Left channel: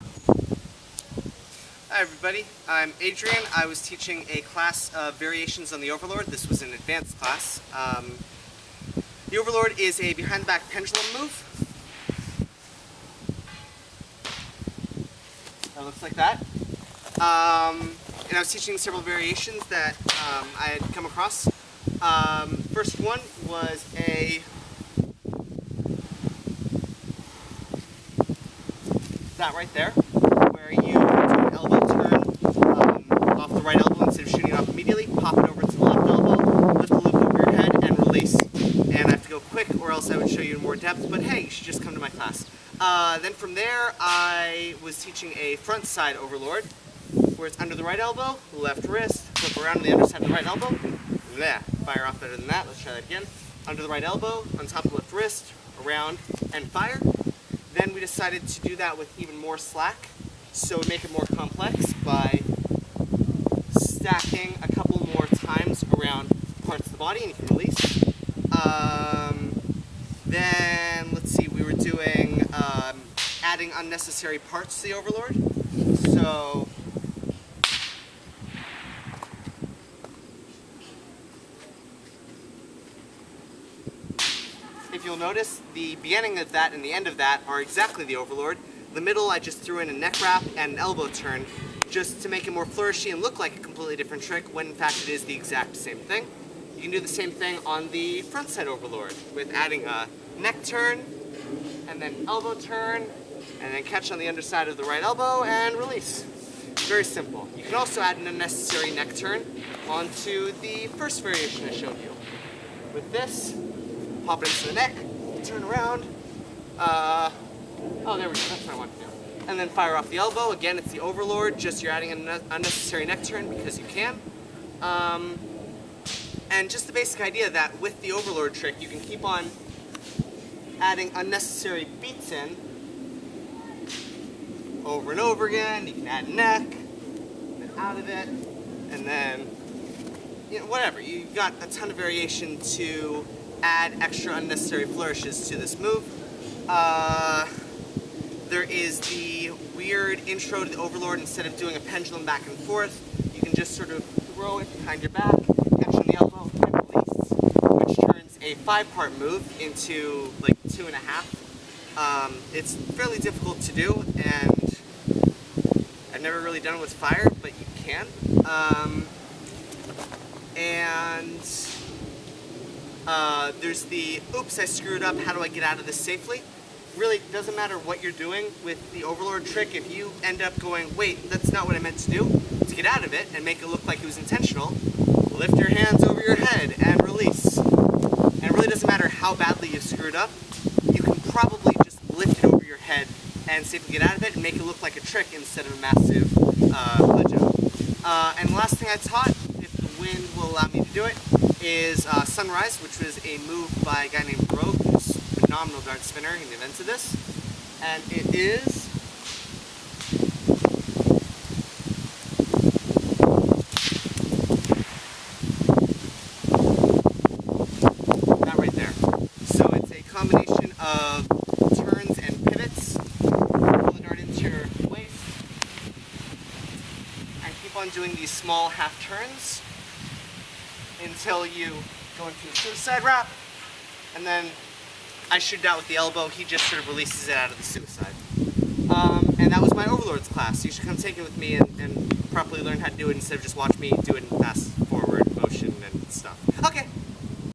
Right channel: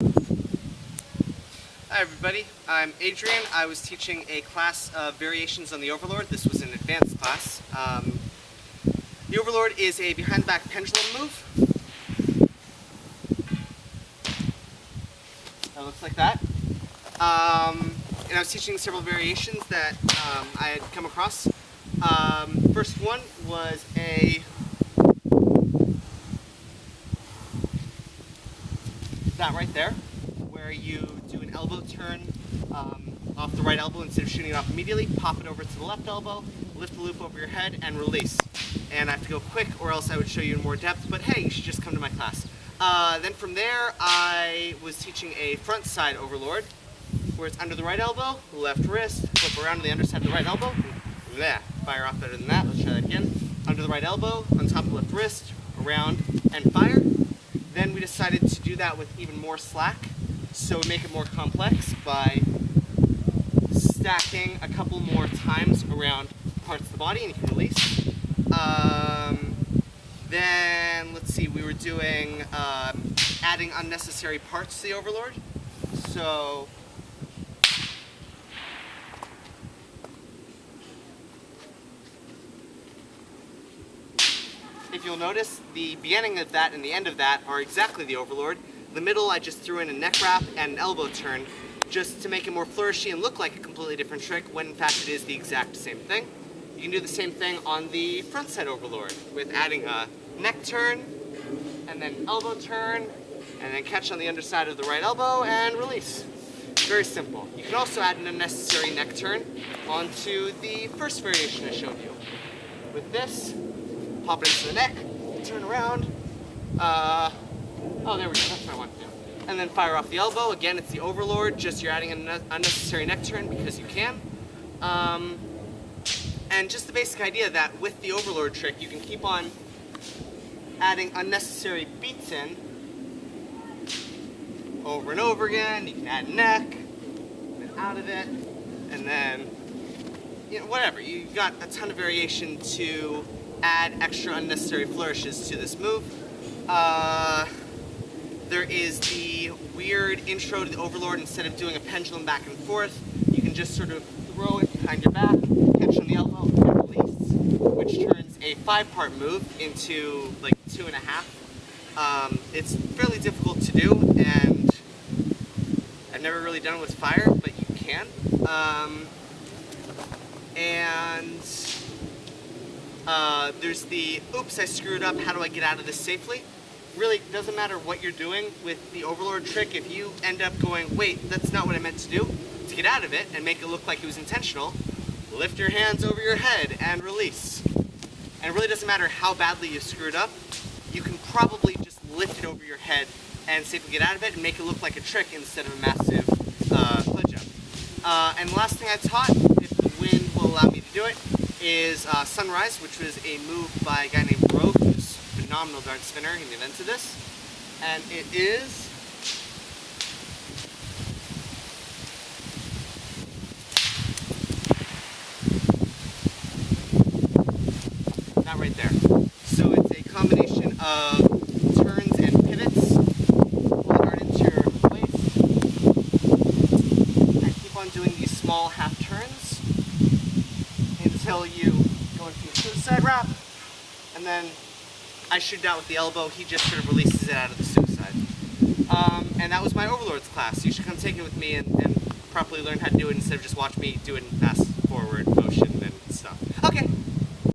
Hi everybody, I'm Adrian. I was teaching a class of variations on the Overlord. This was an advanced class. The Overlord is a behind the back pendulum move. That looks like that. And I was teaching several variations that I had come across. First one was that right there, where you do an elbow turn off the right elbow instead of shooting it off immediately, pop it over to the left elbow, lift the loop over your head, and release. And I have to go quick or else I would show you in more depth, but hey, you should just come to my class. Then from there, I was teaching a front side Overlord, where it's under the right elbow, left wrist, flip around to the underside of the right elbow, bleh, fire off better than that, let's try that again. Under the right elbow, on top of the left wrist, around, and fire. Then we decided to do that with even more slack, so we make it more complex by stacking a couple more times around parts of the body, and you can release. Then, let's see, we were doing adding unnecessary parts to the Overlord. So, if you'll notice, the beginning of that and the end of that are exactly the Overlord. The middle, I just threw in a neck wrap and an elbow turn, just to make it more flourishy and look like a completely different trick, when in fact it is the exact same thing. You can do the same thing on the front side Overlord, with adding a neck turn, and then elbow turn, and then catch on the underside of the right elbow, and release. Very simple. You can also add an unnecessary neck turn onto the first variation I showed you. With this, pop it into the neck, turn around, oh there we go, that's what I want to do. And then fire off the elbow. Again, it's the Overlord, just you're adding an unnecessary neck turn because you can. And just the basic idea that with the Overlord trick, you can keep on adding unnecessary beats in over and over again. You can add neck, and then out of it, and then, you know, whatever. You've got a ton of variation to add extra unnecessary flourishes to this move. There is the weird intro to the Overlord. Instead of doing a pendulum back and forth, you can just sort of throw it behind your back, catch on the elbow, and release, which turns a 5-part move into like 2.5. It's fairly difficult to do, and I've never really done it with fire, but you can. There's the, oops, I screwed up, how do I get out of this safely? Really doesn't matter what you're doing with the Overlord trick. If you end up going, wait, that's not what I meant to do, to get out of it and make it look like it was intentional, lift your hands over your head and release. And it really doesn't matter how badly you screwed up, you can probably just lift it over your head and safely get out of it and make it look like a trick instead of a massive lejo. And the last thing I taught, if the wind will allow me to do it, is Sunrise, which was a move by a guy named Rogue, who's a phenomenal dart spinner. He invented this. And it is that right there. So it's a combination of turns and pivots. Pull the dart into your waist and keep on doing these small half turns until you go into a suicide wrap, and then I shoot out with the elbow. He just sort of releases it out of the suicide. And that was my Overlords class. You should come take it with me and properly learn how to do it instead of just watch me do it in fast forward motion.